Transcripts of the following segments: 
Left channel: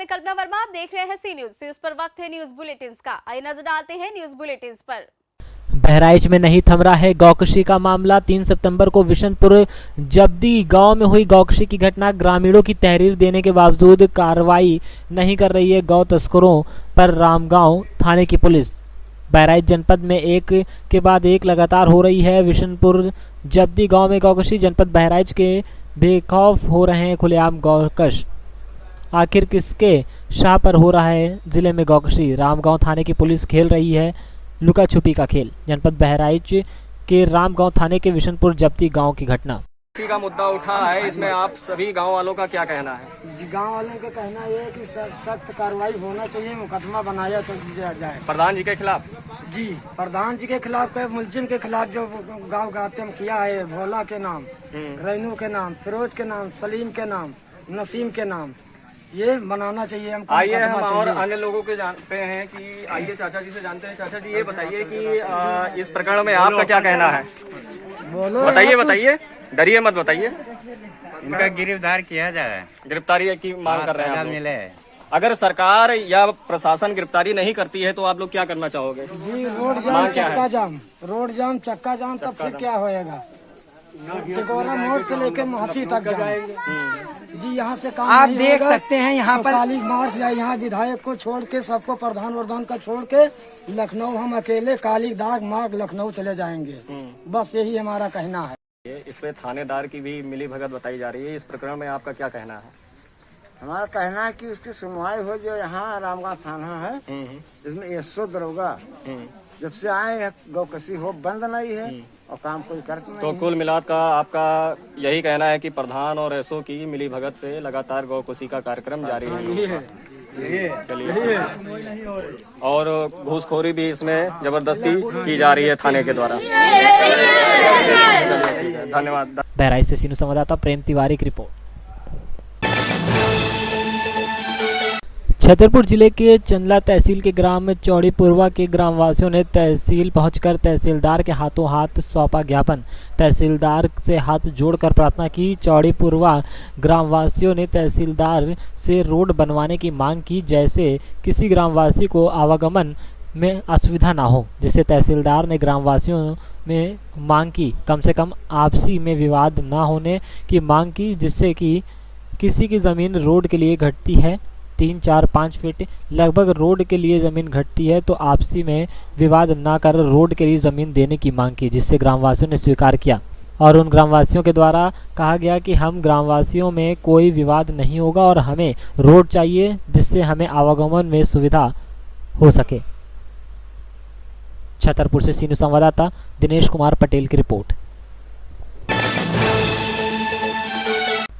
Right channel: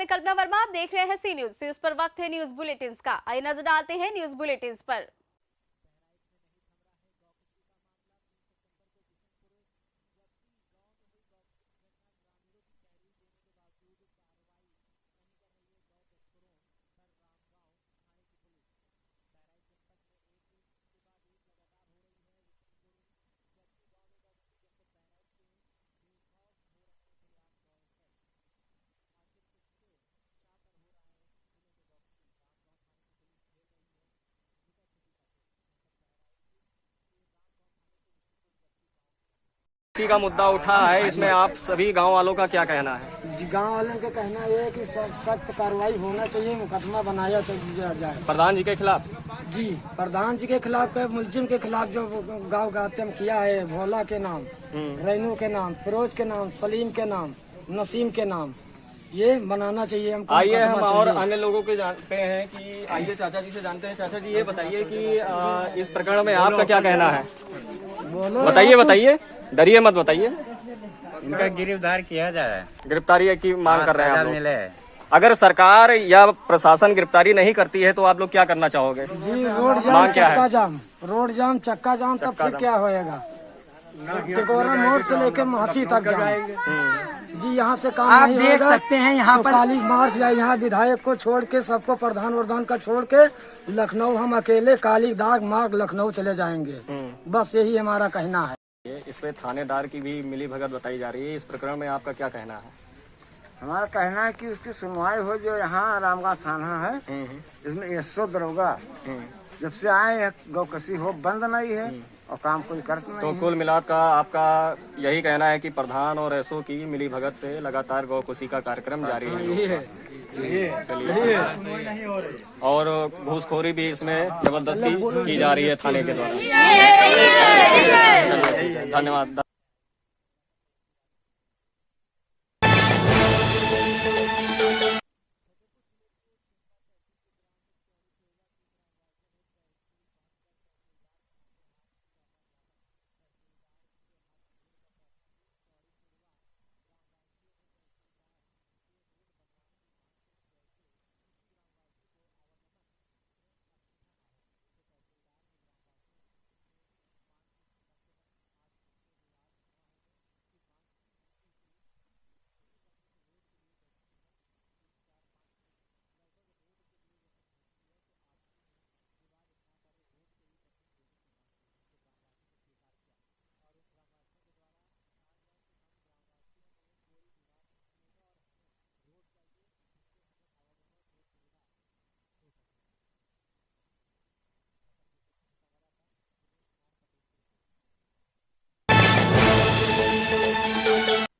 मैं कल्पना वर्मा, आप देख रहे हैं सी न्यूज पर वक्त है न्यूज बुलेटिन का। आइए नजर डालते हैं न्यूज बुलेटिन पर। बहराइच में नहीं थम रहा है गौकशी का मामला। 3 सितंबर को विशनपुर जब्दी गांव में हुई गौकशी की घटना। ग्रामीणों की तहरीर देने के बावजूद कार्रवाई नहीं कर रही है गौ तस्करों पर रामगांव थाने की पुलिस। बहराइच जनपद में एक के बाद एक लगातार हो रही है विशनपुर जब्दी गांव में गौकशी। जनपद बहराइच के बेखौफ हो रहे हैं खुलेआम गौकश। आखिर किसके शाह पर हो रहा है जिले में गौकशी? रामगांव थाने की पुलिस खेल रही है लुका छुपी का खेल। जनपद बहराइच के रामगांव थाने के विशनपुर जब्ती गांव की घटना का मुद्दा उठा है, इसमें आप सभी गांव वालों का क्या कहना है? जी, गांव वालों का कहना ये है कि सख्त कार्रवाई होना चाहिए, मुकदमा बनाया जाए प्रधान जी के खिलाफ। जी, प्रधान जी के खिलाफ, मुलजिम के खिलाफ जो गांव गाते किया है, भोला के नाम, रैनू के नाम, फिरोज के नाम, सलीम के नाम, नसीम के नाम, ये बनाना चाहिए हमको। आइए हम और अन्य लोगों के जानते हैं कि आइए चाचा जी से जानते हैं। चाचा जी, ये बताइए कि इस प्रकरण में आपका क्या कहना है? बताइए, डरिए मत, बताइए। उनका गिरफ्तार किया जाए, गिरफ्तारी की मांग कर रहे हैं हम मिले। अगर सरकार या प्रशासन गिरफ्तारी नहीं करती है तो आप लोग क्या करना चाहोगे? जी, रोड जाम, चक्का जाम, तब फिर क्या होएगा? टिकोरा मोड़ से लेके महसी तक जाम। जी, यहाँ से काम आप नहीं देख होगा। सकते हैं यहाँ तो पर काली मार्च जाए, यहाँ विधायक को छोड़ के सबको प्रधान का छोड़ के लखनऊ हम अकेले काली दाग मार्ग लखनऊ चले जाएंगे। बस यही हमारा कहना है। इसमें थानेदार की भी मिली भगत बताई जा रही है। इस प्रकरण में आपका क्या कहना है? हमारा कहना है कि उसकी सुनवाई हो। जो यहाँ रामगांव थाना है, इसमें 100 दरोगा जब से आए हैं गौकशी हो बंद नहीं है और काम कोई करता नहीं। तो कुल मिलाकर का आपका यही कहना है कि प्रधान और एसओ की मिली भगत से लगातार गौकशी का कार्यक्रम जारी है। चलिए, और घूसखोरी भी इसमें जबरदस्ती की जा रही है थाने के द्वारा। धन्यवाद। बहराइच से सीनू संवाददाता प्रेम तिवारी की रिपोर्ट। छतरपुर जिले के चंदला तहसील के ग्राम चौड़ीपुरवा के ग्रामवासियों ने तहसील पहुंचकर तहसीलदार के हाथों हाथ सौंपा ज्ञापन। तहसीलदार से हाथ जोड़कर प्रार्थना की। चौड़ीपुरवा ग्रामवासियों ने तहसीलदार से रोड बनवाने की मांग की, जैसे किसी ग्रामवासी को आवागमन में असुविधा ना हो। जिससे तहसीलदार ने ग्रामवासियों में मांग की कम से कम आपसी में विवाद ना होने की मांग की, जिससे कि किसी की ज़मीन रोड के लिए घटती है 3, 4, 5 फीट लगभग रोड के लिए ज़मीन घटती है तो आपसी में विवाद ना कर रोड के लिए ज़मीन देने की मांग की, जिससे ग्रामवासियों ने स्वीकार किया। और उन ग्रामवासियों के द्वारा कहा गया कि हम ग्रामवासियों में कोई विवाद नहीं होगा और हमें रोड चाहिए जिससे हमें आवागमन में सुविधा हो सके। छतरपुर से सीनू संवाददाता दिनेश कुमार पटेल की रिपोर्ट।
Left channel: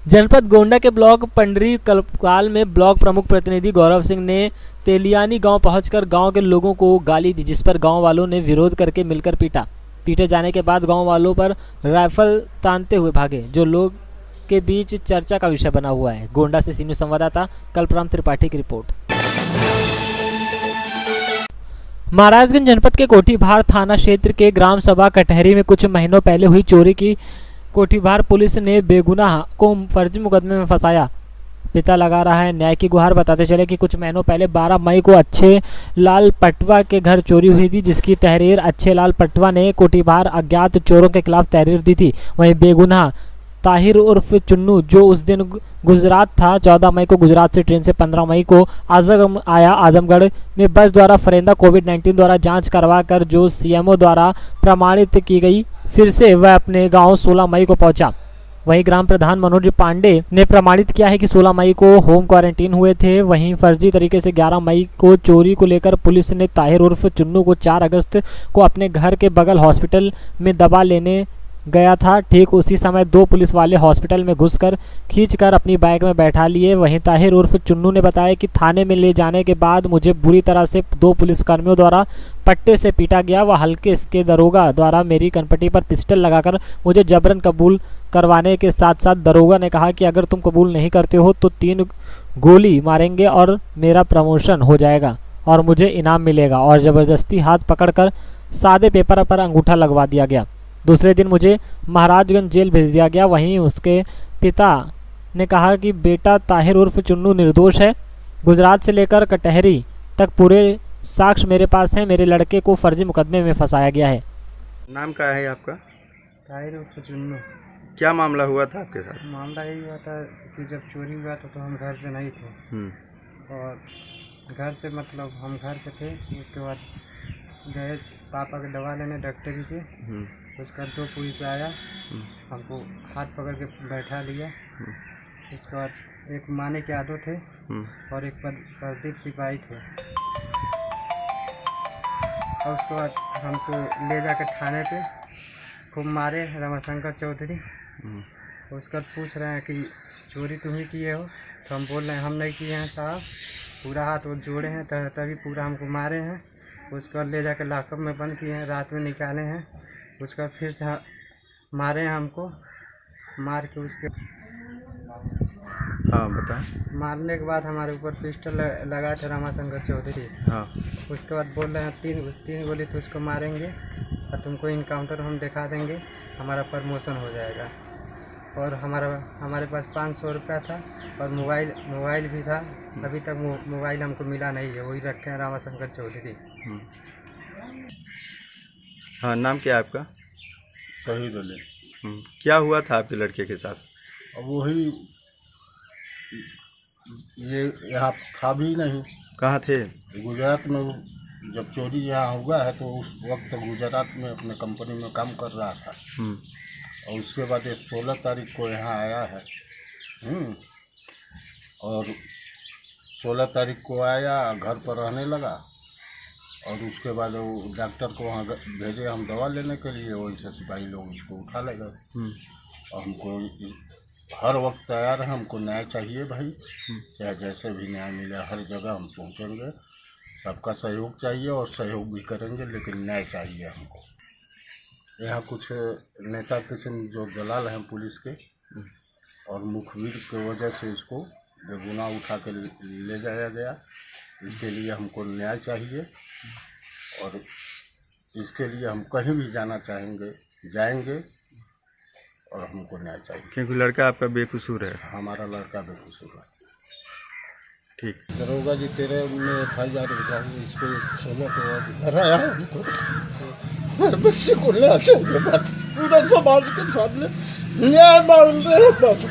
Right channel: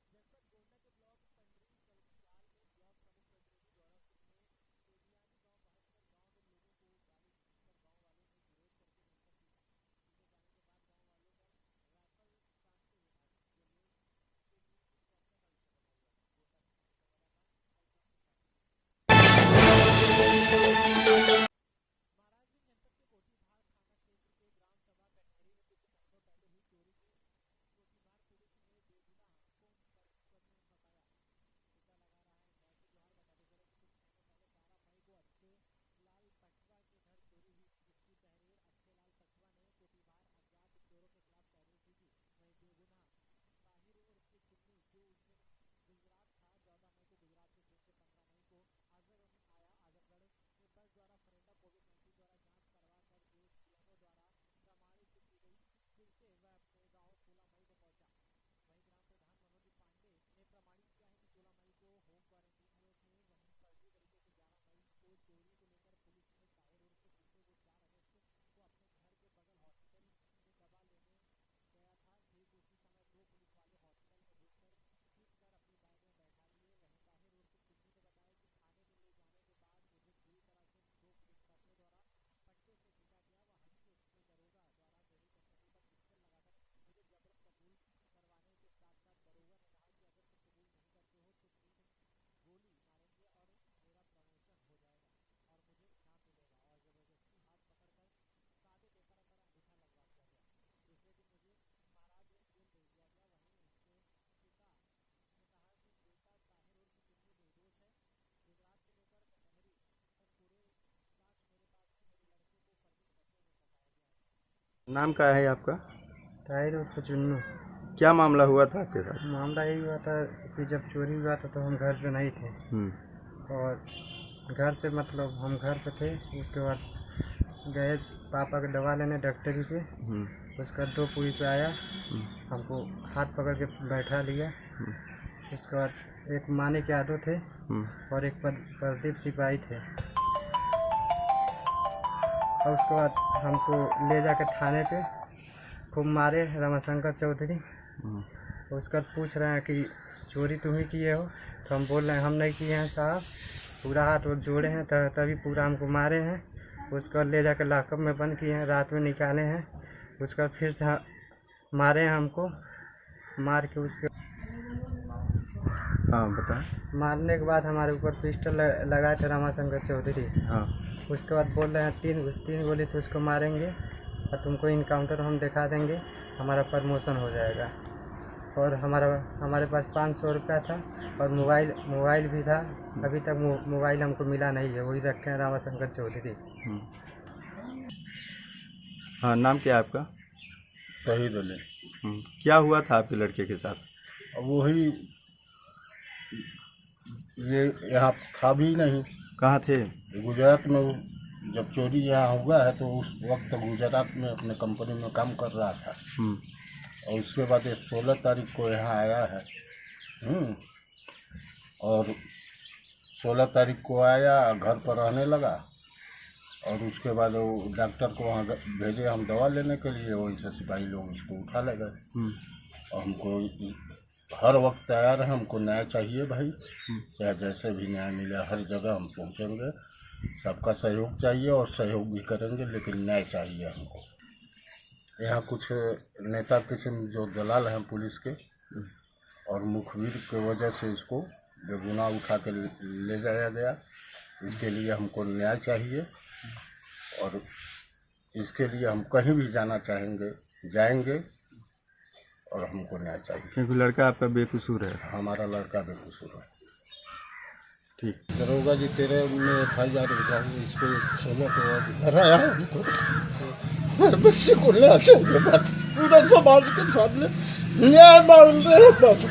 जनपद गोंडा के ब्लॉक पंडरी कलकाल में ब्लॉक प्रमुख प्रतिनिधि गौरव सिंह ने तेलियानी गांव पहुंचकर गांव के लोगों को गाली दी, जिस पर गांव वालों ने विरोध करके मिलकर पीटे जाने के बाद गांव वालों पर राइफल तानते हुए भागे, जो लोग के बीच चर्चा का विषय बना हुआ है। गोंडा से सीनू संवाददाता कल्पराम त्रिपाठी की रिपोर्ट। महाराजगंज जनपद के कोठीभार थाना क्षेत्र के ग्राम सभा कटहरी में कुछ महीनों पहले हुई चोरी की कोठीभार पुलिस ने बेगुनाह को फर्जी मुकदमे में फंसाया। पिता लगा रहा है न्याय की गुहार। बताते चले कि कुछ महीनों पहले 12 मई को अच्छे लाल पटवा के घर चोरी हुई थी, जिसकी तहरीर अच्छे लाल पटवा ने कोठीभार अज्ञात चोरों के खिलाफ तहरीर दी थी। वहीं बेगुनाह ताहिर उर्फ चुन्नू, जो उस दिन गुजरात था, 14 मई को गुजरात से ट्रेन से 15 मई को आजमगढ़ में बस द्वारा फरेंदा कोविड-19 द्वारा जांच करवा कर जो सीएमओ द्वारा प्रमाणित की गई, फिर से वह अपने गांव 16 मई को पहुंचा। वहीं ग्राम प्रधान मनोज पांडे ने प्रमाणित किया है कि 16 मई को होम क्वारंटीन हुए थे। वहीं फर्जी तरीके से 11 मई को चोरी को लेकर पुलिस ने ताहिर उर्फ चुन्नू को 4 अगस्त को अपने घर के बगल हॉस्पिटल में दवा लेने गया था। ठीक उसी समय 2 पुलिस वाले हॉस्पिटल में घुसकर खींचकर अपनी बाइक में बैठा लिए। वहीं ताहिर उर्फ चुन्नू ने बताया कि थाने में ले जाने के बाद मुझे बुरी तरह से 2 पुलिसकर्मियों द्वारा पट्टे से पीटा गया। वह हल्के इसके दरोगा द्वारा मेरी कनपटी पर पिस्टल लगाकर मुझे जबरन कबूल करवाने के साथ साथ दरोगा ने कहा कि अगर तुम कबूल नहीं करते हो तो 3 गोली मारेंगे और मेरा प्रमोशन हो जाएगा और मुझे इनाम मिलेगा। और ज़बरदस्ती हाथ पकड़कर सादे पेपर पर अंगूठा लगवा दिया गया। दूसरे दिन मुझे महाराजगंज जेल भेज दिया गया। वहीं उसके पिता ने कहा कि बेटा ताहिर उर्फ चुन्नू निर्दोष है। गुजरात से लेकर कटहरी तक पूरे साक्ष्य मेरे पास हैं। मेरे लड़के को फर्जी मुकदमे में फंसाया गया है। नाम क्या है आपका? ताहिर उर्फ चुन्नू। क्या मामला हुआ था आपके साथ? मामला यही हुआ था कि जब चोरी हुआ था तो हम घर पे नहीं थे और घर से मतलब हम घर पे थे। उसके बाद गए पापा के दवा लेने डॉक्टरी पे। उसका 2 पुलिस आया, हमको हाथ पकड़ के बैठा लिया। उसके बाद एक मानिक यादव थे और एक प्रदीप सिपाही थे। और उसके बाद हमको ले जाकर थाने पे खूब मारे रमाशंकर चौधरी। उसके बाद पूछ रहे हैं कि चोरी तुम ही किए हो? तो हम बोल रहे हैं हम नहीं किए हैं साहब। पूरा हाथ और जोड़े हैं तभी पूरा हमको मारे हैं। उसके बाद ले जाकर लॉकअप में बंद किए हैं, रात में निकाले हैं। उसके बाद फिर से मारे हैं हमको। मार के उसके हाँ बताओ। मारने के बाद हमारे ऊपर पिस्टल लगाए थे रमाशंकर चौधरी। हाँ उसके बाद बोल रहे हैं तीन गोली तो उसको मारेंगे और तुमको इनकाउंटर हम दिखा देंगे, हमारा प्रमोशन हो जाएगा। और हमारे पास 500 रुपया था और मोबाइल भी था। अभी तक मोबाइल हमको मिला नहीं है, वही रखे हैं रमाशंकर चौधरी। हाँ नाम क्या है आपका? शहीद अली। क्या हुआ था आपके लड़के के साथ? अब वही ये यहाँ था भी नहीं। कहाँ थे? गुजरात में जब चोरी यहाँ हुआ है तो उस वक्त गुजरात में अपने कंपनी में काम कर रहा था। और उसके बाद ये 16 तारीख को यहाँ आया है। और 16 तारीख को आया, घर पर रहने लगा। और उसके बाद वो डॉक्टर को वहाँ भेजे हम दवा लेने के लिए। वहीं से सिपाही लोग इसको उठा ले गए। और हमको हर वक्त तैयार है, हमको न्याय चाहिए भाई। चाहे जैसे भी न्याय मिले हर जगह हम पहुँचेंगे। सबका सहयोग चाहिए और सहयोग भी करेंगे, लेकिन न्याय चाहिए हमको। यहाँ कुछ नेता किस्म जो दलाल हैं पुलिस के और मुखबिर की वजह से इसको बेगुनाह उठा के ले जाया गया। इसके लिए हमको न्याय चाहिए और इसके लिए हम कहीं भी जाना चाहेंगे, जाएंगे और हमको न्याय चाहिए। क्योंकि लड़का आपका बेकसूर है। हमारा लड़का बेकसूर है। ठीक। दरोगा जी तेरे में FIR इसको 16 को घर आया हमको। मेरे बच्चे को न्याय चाहिए बस। पूरा समाज के सामने न्याय मांग रहे हैं बस।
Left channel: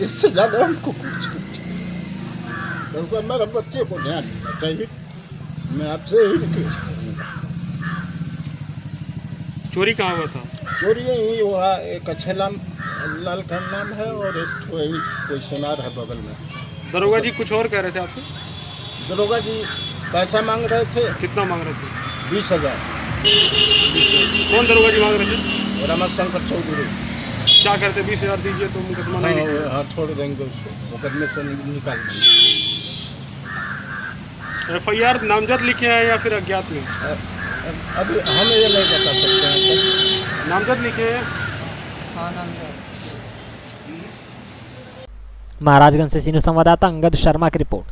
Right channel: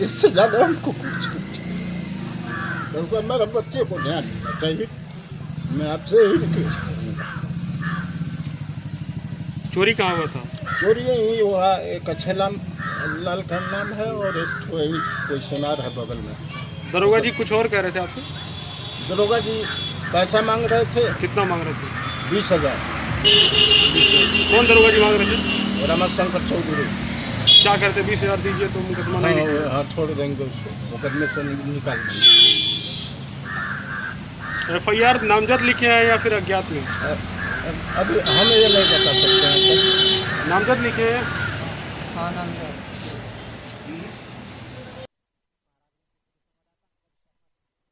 इससे ज़्यादा हमको कुछ नहीं चाहिए। बस हमारे बच्चे को न्याय मिलना चाहिए। मैं आपसे ही रिक्वेस्ट करूँगा। चोरी कहाँ हुआ था? चोरी यही हुआ। एक अच्छे लाल का नाम है और एक कोई सोनार है बगल में। दरोगा जी कुछ और कह रहे थे आपसे? दरोगा जी पैसा मांग रहे थे। कितना मांग रहे थे? 20,000। कौन दरोगा जी मांग रहे थे? रमाशंकर चौधरी। क्या कहते? 20,000 दीजिए तो मुकदमा नहीं लिखेंगे। हाँ छोड़ देंगे उसको, मुकदमे से निकाल देंगे। FIR नामजद लिखे हैं या फिर अज्ञात में? अभी हम ये नहीं बता सकते हैं। नामजद लिखे हैं। हाँ नामजद। महाराजगंज से सीनियर संवाददाता अंगद शर्मा की रिपोर्ट।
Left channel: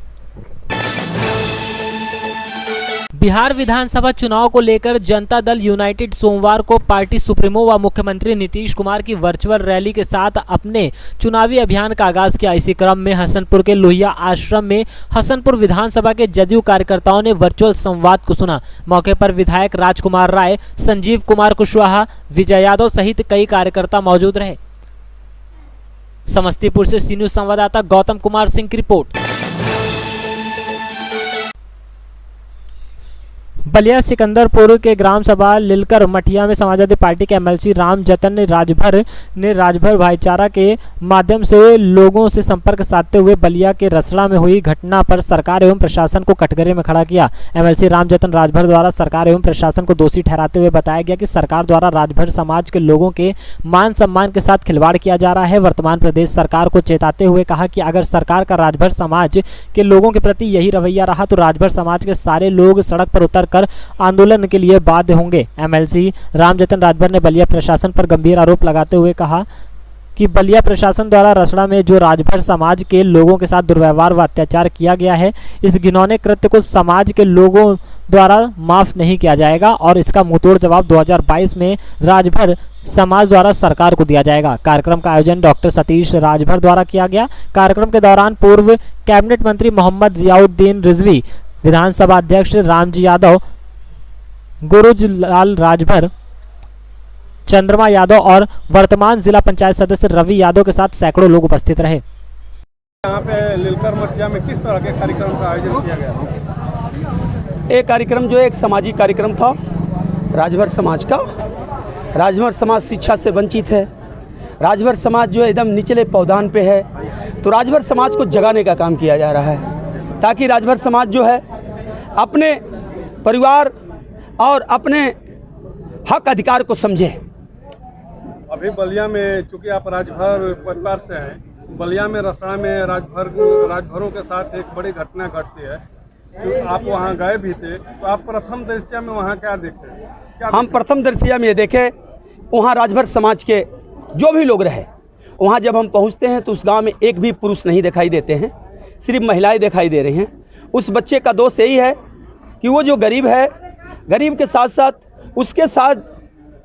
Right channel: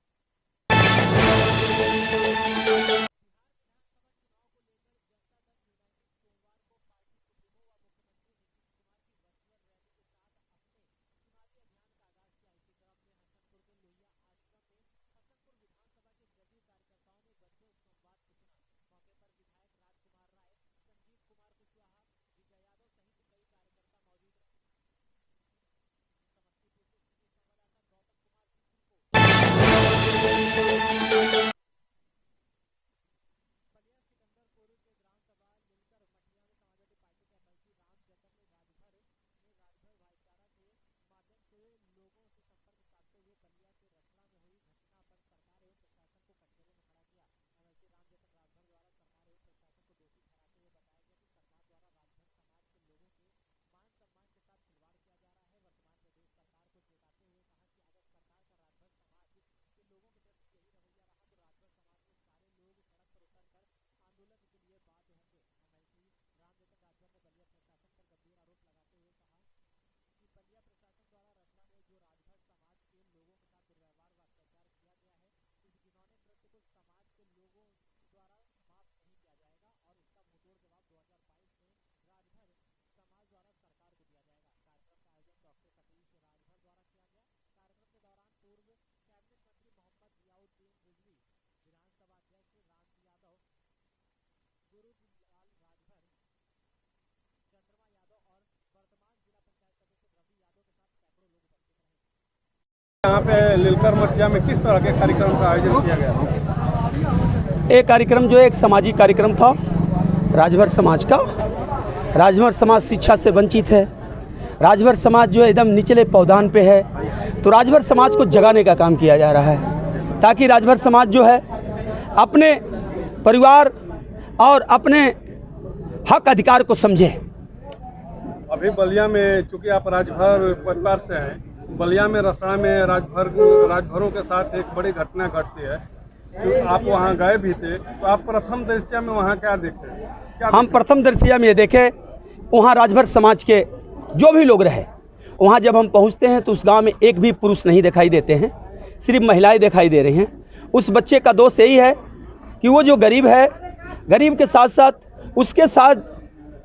बिहार विधानसभा चुनाव को लेकर जनता दल यूनाइटेड सोमवार को पार्टी सुप्रीमो व मुख्यमंत्री नीतीश कुमार की वर्चुअल रैली के साथ अपने चुनावी अभियान का आगाज किया। इसी क्रम में हसनपुर के लोहिया आश्रम में हसनपुर विधानसभा के जदयू कार्यकर्ताओं ने वर्चुअल संवाद को सुना। मौके पर विधायक राजकुमार राय, संजीव कुमार कुशवाहा, विजय यादव सहित कई कार्यकर्ता मौजूद रहे। समस्तीपुर से सी न्यूज संवाददाता गौतम कुमार सिंह की रिपोर्ट। बलिया सिकंदरपुर के ग्राम सभा लिलकर मठिया में समाजवादी पार्टी के MLC राम जतन ने राजभर भाईचारा के माध्यम से लोगों से संपर्क साधते हुए बलिया के रसड़ा में हुई घटना पर सरकार एवं प्रशासन को कटघरे में खड़ा किया। MLC राम जतन राजभर द्वारा सरकार एवं प्रशासन को दोषी ठहराते हुए बताया गया कि सरकार द्वारा राजभर समाज के लोगों के मान सम्मान के साथ खिलवाड़ किया जा रहा है। वर्तमान प्रदेश सरकार को चेताते हुए कहा कि अगर सरकार का राजभर समाज के लोगों के प्रति यही रवैया रहा तो राजभर समाज के सारे लोग सड़क पर उतर आंदोलन के लिए बाध्य होंगे। MLC रामजतन राजभर ने बलिया प्रशासन पर गंभीर आरोप लगाते हुए कहा कि बलिया प्रशासन द्वारा रसड़ा में जो राजभर समाज के लोगों के साथ दुर्व्यवहार व अत्याचार किया गया है, इस घिनौने कृत्य को समाज के लोगों द्वारा माफ नहीं किया जाएगा और इसका मुंहतोड़ जवाब 2022 में राजभर समाज द्वारा सरकार को दिया जाएगा। कार्यक्रम का आयोजन डॉक्टर सतीश राजभर द्वारा किया गया। कार्यक्रम के दौरान पूर्व कैबिनेट मंत्री मोहम्मद जियाउद्दीन रिजवी, विधानसभा अध्यक्ष रामजी यादव, गुरुजलाल राजभर, चंद्रमा यादव और वर्तमान जिला पंचायत सदस्य रवि यादव के साथ सैकड़ों लोग उपस्थित रहे। यहाँ पे लीलकर मटिया में किस तरह के कार्यक्रम का आयोजन किया गया? ये कार्यक्रम जो एक सामाजिक कार्यक्रम था राजभर समाज का। राजभर समाज शिक्षा से वंचित है। राजभर समाज जो है एकदम निचले पौधान पे है, तो राजभर समाज को जगाने का काम किया जा रहा है ताकि राजभर समाज जो है अपने परिवार और अपने हक अधिकार को समझे। अभी बलिया में, चूंकि आप राजभर परिवार से हैं, बलिया में रसड़ा में राजभरों के साथ एक बड़ी घटना घटती है। तो आप वहाँ गए भी थे, तो आप प्रथम दृष्टया में वहाँ क्या देखे? हम प्रथम दृष्टया में ये देखे, वहाँ राजभर समाज के जो भी लोग रहे, वहाँ जब हम पहुँचते हैं तो उस गांव में एक भी पुरुष नहीं दिखाई देते हैं, सिर्फ महिलाएं दिखाई दे रही हैं। उस बच्चे का दोष यही है कि वो जो गरीब है, गरीब के साथ साथ उसके साथ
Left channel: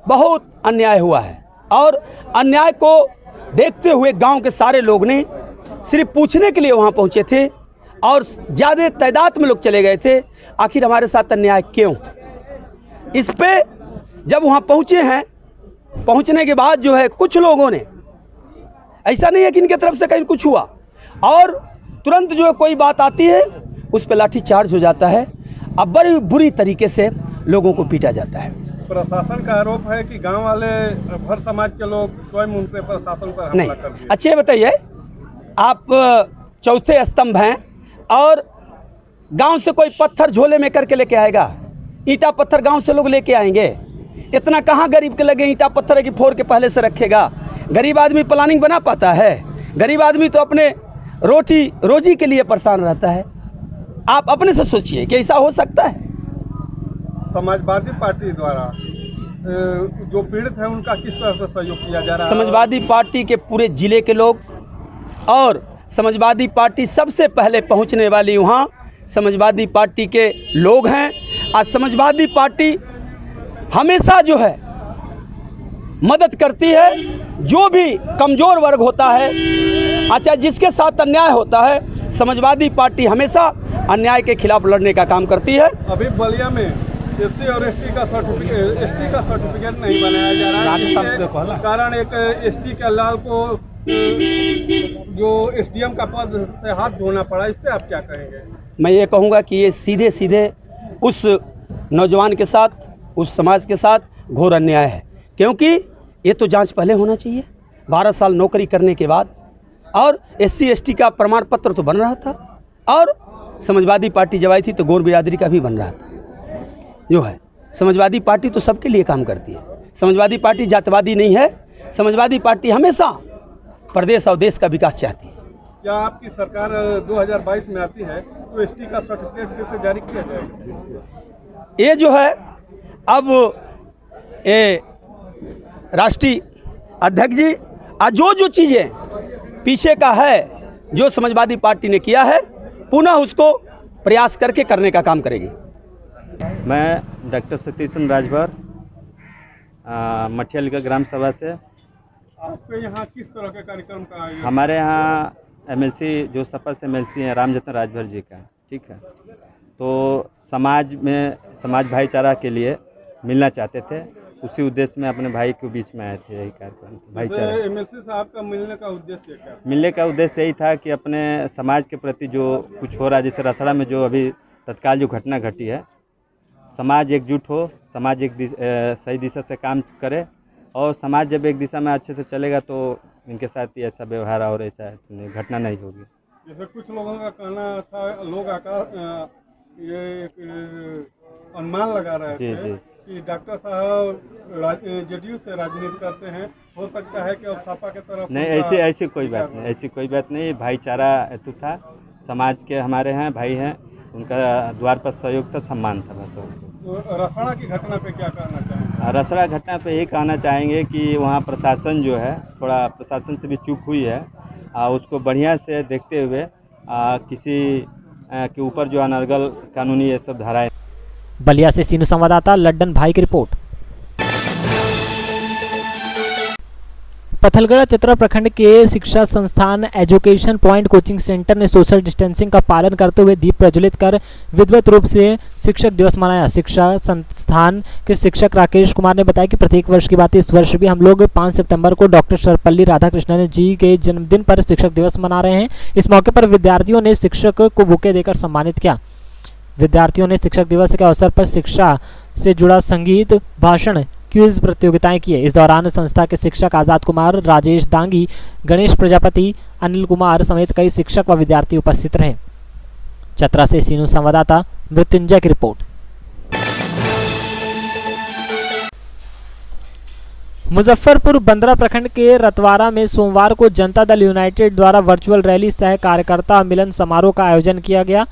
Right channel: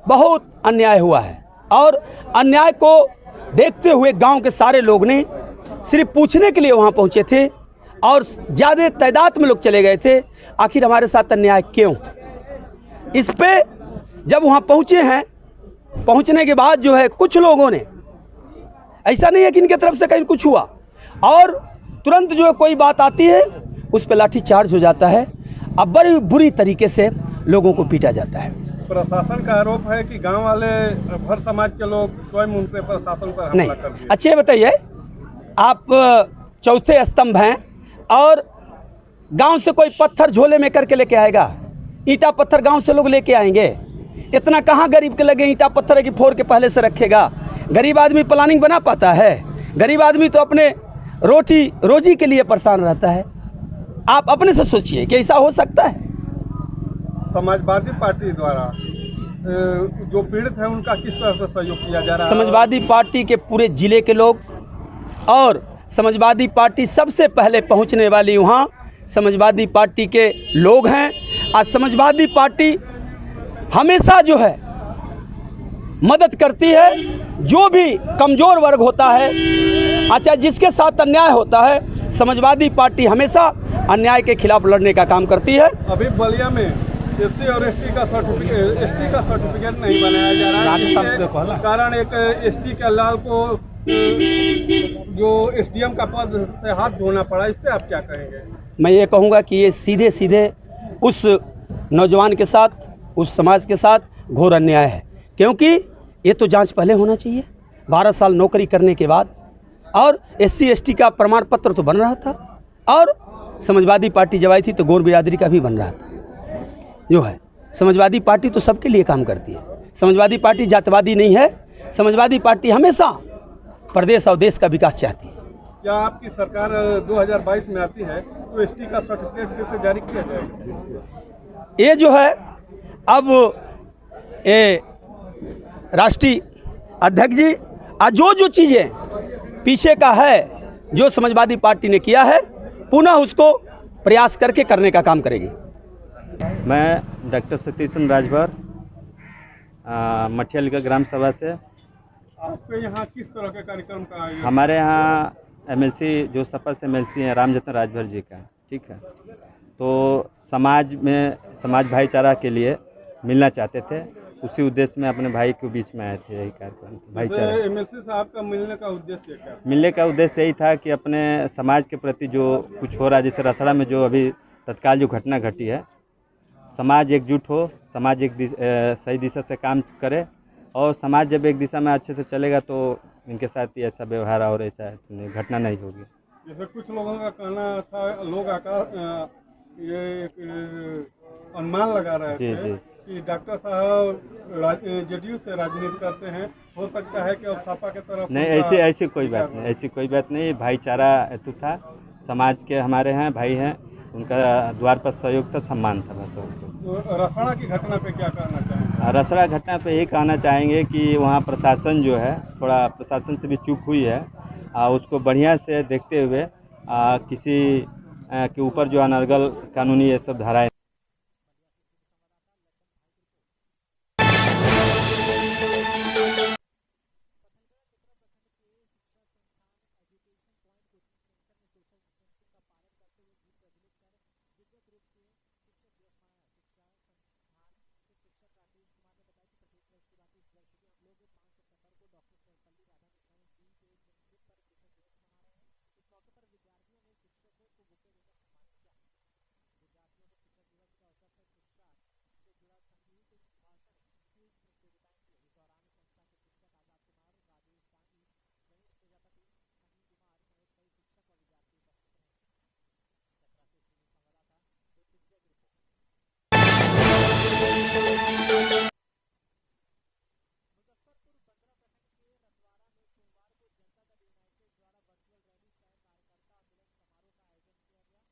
बहुत अन्याय हुआ है, और अन्याय को देखते हुए गांव के सारे लोग ने सिर्फ पूछने के लिए वहाँ पहुँचे थे, और ज़्यादा तादाद में लोग चले गए थे आखिर हमारे साथ अन्याय क्यों। इस पे जब वहाँ पहुँचे हैं, पहुँचने के बाद जो है कुछ लोगों ने, ऐसा नहीं है कि इनके तरफ से कहीं कुछ हुआ, और तुरंत जो है कोई बात आती है उस पर लाठी चार्ज हो जाता है। अब बड़ी बुरी तरीके से लोगों को पीटा जाता है। प्रशासन का आरोप है कि गांव वाले भर समाज के लोग स्वयं उनसे प्रशासन पर हमला कर दिए। अच्छा ये बताइए, आप चौथे स्तंभ हैं और गांव से कोई पत्थर झोले में करके लेके आएगा? ईंटा पत्थर गांव से लोग लेके आएंगे? इतना कहाँ गरीब के लगे ईंटा पत्थर है कि फोड़ के पहले से रखेगा? गरीब आदमी प्लानिंग बना पाता है? गरीब आदमी तो अपने रोटी रोजी के लिए परेशान रहता है। आप अपने से सोचिए कि ऐसा हो सकता है? समाजवादी पार्टी द्वारा जो पीड़ित है उनका किस तरह से सहयोग किया जा रहा है? समाजवादी पार्टी के पूरे जिले के लोग और समाजवादी पार्टी सबसे पहले पहुंचने वाली वहाँ समाजवादी पार्टी के लोग हैं। आज समाजवादी पार्टी हमेशा जो है मदद करती है, जो भी कमज़ोर वर्ग होता है, अच्छा जिसके साथ अन्याय होता है, समाजवादी पार्टी हमेशा अन्याय के खिलाफ लड़ने का काम करती है। अभी बलिया में एससी और एसटी का सर्टिफिकेट नहीं बनाया जा रहा है, कारण एक एसटी के लाल को जो एसडीएम का पद से हाथ धोना पड़ा, इस पे आप क्या कहेंगे? मैं ये कहूँगा कि ये सीधे सीधे उस नौजवान के साथ, उस समाज के साथ घोर अन्याय है, क्योंकि ये तो जांच पहले होना चाहिए। 12 साल नौकरी करने के बाद, और एससी एसटी का प्रमाण पत्र तो बन रहा था, और समाजवादी पार्टी जब आई थी तो गौर बिरादरी का भी बन रहा था। जो है समाजवादी पार्टी तो सबके लिए काम करती है। समाजवादी पार्टी जातवादी नहीं है। समाजवादी पार्टी हमेशा प्रदेश और देश का विकास चाहती है। क्या आपकी सरकार 2022 में आती है तो एसटी का सर्टिफिकेट कैसे जारी किया जाएगा? ये जो है अब ये राष्ट्रीय अध्यक्ष जी जो चीज़ें पीछे का है, जो समाजवादी पार्टी ने किया है, पुनः उसको प्रयास करके करने का काम करेगी। मैं डॉक्टर सतीश राजभर, मठिया ग्राम सभा से। आपके यहाँ किस तरह के कार्यक्रम का आयोजन? हमारे यहाँ एमएलसी जो सपा से एमएलसी हैं रामजतन राजभर जी का, ठीक है, तो समाज में समाज भाईचारा के लिए मिलना चाहते थे, उसी उद्देश्य में अपने भाई के बीच में आए थे। यही कार्यक्रम भाईचारा। एमएलसी साहब का मिलने का उद्देश्य क्या? मिलने का उद्देश्य यही था कि अपने समाज के प्रति जो कुछ हो रहा है, जैसे रसड़ा में जो अभी तत्काल जो घटना घटी है, समाज एकजुट हो, समाज एक सही दिशा से काम करे, और समाज जब एक दिशा में अच्छे से चलेगा तो इनके साथ ही ऐसा व्यवहार और ऐसा घटना नहीं होगी। जैसे कुछ लोगों का कहना था, लोग ये अनुमान लगा रहे थे कि डॉक्टर साहब जेडीयू से राजनीति करते हैं, हो सकता है कि अब सपा के तरफ नहीं। ऐसी कोई बात नहीं, ऐसी कोई बात नहीं। भाईचारा हेतु था, समाज के हमारे हैं भाई हैं, उनका द्वार पर सहयोग था, सम्मान था बस। तो रसड़ा की घटना पे क्या कहना चाहेंगे? रसड़ा घटना पे यही कहना चाहेंगे कि वहाँ प्रशासन जो है, थोड़ा प्रशासन से भी चूक हुई है, उसको बढ़िया से देखते हुए किसी के ऊपर जो अनर्गल कानूनी ये सब धाराएं। बलिया से सीनू संवाददाता लड्डन भाई की रिपोर्ट। पथलगढ़ चतरा प्रखंड के शिक्षा संस्थान एजुकेशन पॉइंट कोचिंग सेंटर ने सोशल डिस्टेंसिंग का पालन करते हुए दीप प्रज्वलित कर विधिवत रूप से शिक्षक दिवस मनाया। शिक्षा संस्थान के शिक्षक राकेश कुमार ने बताया कि प्रत्येक वर्ष की बात इस वर्ष भी हम लोग 5 सितंबर को डॉक्टर सर्वपल्ली राधाकृष्णन जी के जन्मदिन पर शिक्षक दिवस मना रहे हैं। इस मौके पर विद्यार्थियों ने शिक्षक को बुके देकर सम्मानित किया। विद्यार्थियों ने शिक्षक दिवस के अवसर पर शिक्षा से जुड़ा संगीत, भाषण, क्विज प्रतियोगिताएं किए। इस दौरान संस्था के शिक्षक आजाद कुमार, राजेश दांगी, गणेश प्रजापति, अनिल कुमार समेत कई शिक्षक व विद्यार्थी उपस्थित रहे। चतरा से सीनू संवाददाता मृत्युंजय की रिपोर्ट। मुजफ्फरपुर बंदरा प्रखंड के रतवारा में सोमवार को जनता दल यूनाइटेड द्वारा वर्चुअल रैली सह कार्यकर्ता मिलन समारोह का आयोजन किया गया।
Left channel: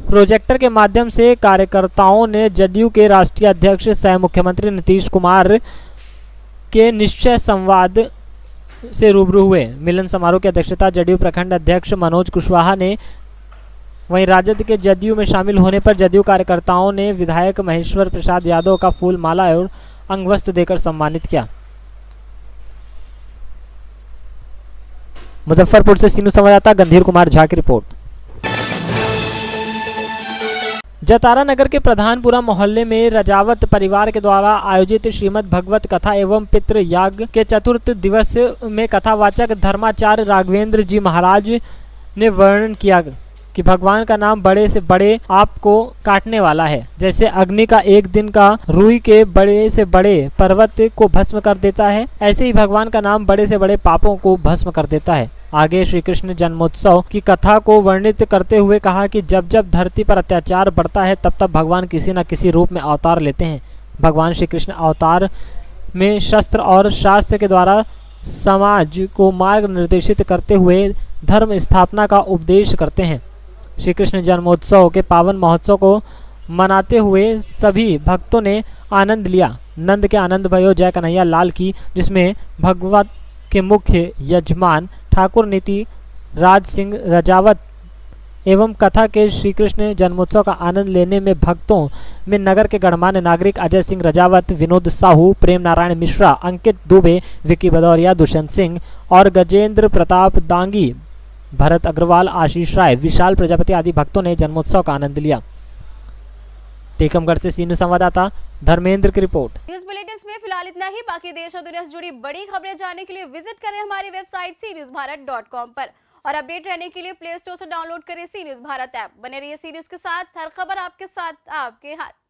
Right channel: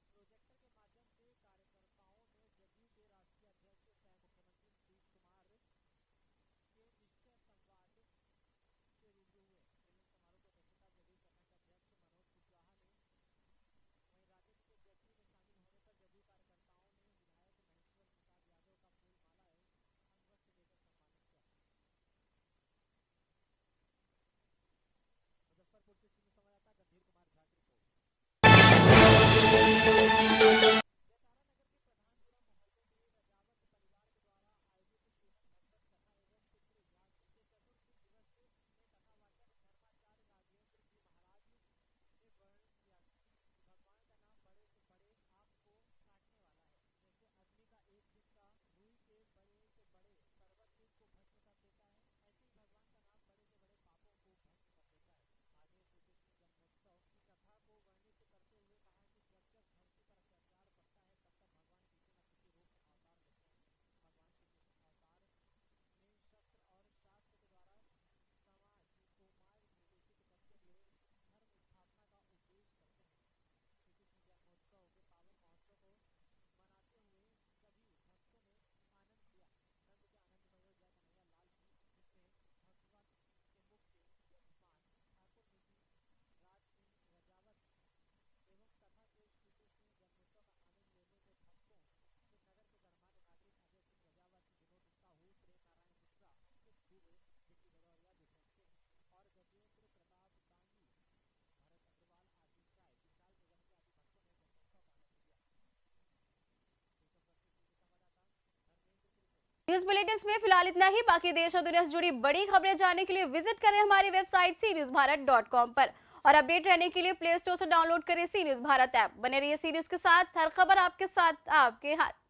प्रोजेक्टर के माध्यम से कार्यकर्ताओं ने जदयू के राष्ट्रीय अध्यक्ष सह मुख्यमंत्री नीतीश कुमार के निश्चय संवाद से रूबरू हुए। मिलन समारोह की अध्यक्षता जदयू प्रखंड अध्यक्ष मनोज कुशवाहा ने, वहीं राजद के जदयू में शामिल होने पर जदयू कार्यकर्ताओं ने विधायक महेश्वर प्रसाद यादव का फूल माला और अंगवस्त्र देकर सम्मानित किया। मुजफ्फरपुर से सीनू संवाददाता गंभीर कुमार झा की रिपोर्ट। जतारा नगर के प्रधानपुरा मोहल्ले में रजावत परिवार के द्वारा आयोजित श्रीमद् भगवत कथा एवं पितृ याग के चतुर्थ दिवस में कथावाचक धर्माचार्य राघवेंद्र जी महाराज ने वर्णन किया कि भगवान का नाम बड़े से बड़े आपको काटने वाला है। जैसे अग्नि का एक दिन का रुई के बड़े से बड़े पर्वत को भस्म कर देता है, ऐसे ही भगवान का नाम बड़े से बड़े पापों को भस्म कर देता है। आगे श्री कृष्ण जन्मोत्सव की कथा को वर्णित करते हुए कहा कि जब जब धरती पर अत्याचार बढ़ता है तब तब भगवान किसी न किसी रूप में अवतार लेते हैं। भगवान श्री कृष्ण अवतार में शस्त्र और शास्त्र के द्वारा समाज को मार्ग निर्देशित करते हुए धर्म स्थापना का उपदेश करते हैं। श्री कृष्ण जन्मोत्सव के पावन महोत्सव को मनाते हुए सभी भक्तों ने आनंद लिया। नंद के आनंद भयो जय कन्हैया लाल की, जिसमें भगवत के मुख्य यजमान ठाकुर नीति राज सिंह रजावत एवं कथा के श्री कृष्ण जन्मोत्सव का आनंद लेने में भक्तों में नगर के गणमान्य नागरिक अजय सिंह रजावत, विनोद साहू, प्रेम नारायण मिश्रा, अंकित दुबे, विकी भदौरिया, दुष्यंत सिंह और गजेंद्र प्रताप दांगी, भरत अग्रवाल, आशीष राय, विशाल प्रजापति आदि भक्तों ने जन्मोत्सव का आनंद लिया। टीकमगढ़ से सीनू संवाददाता धर्मेंद्र की रिपोर्ट। न्यूज बुलेटिन में फिलहाल इतना ही। बाकी देश और दुनिया से जुड़ी बड़ी खबरें जानने के लिए विजिट करें हमारी वेबसाइट cnewsbharat.com पर और अपडेट रहने के लिए प्ले स्टोर से डाउनलोड करें सी न्यूज भारत ऐप। बने रहिए सी न्यूज के साथ, हर खबर आपके साथ, आपके हाथ।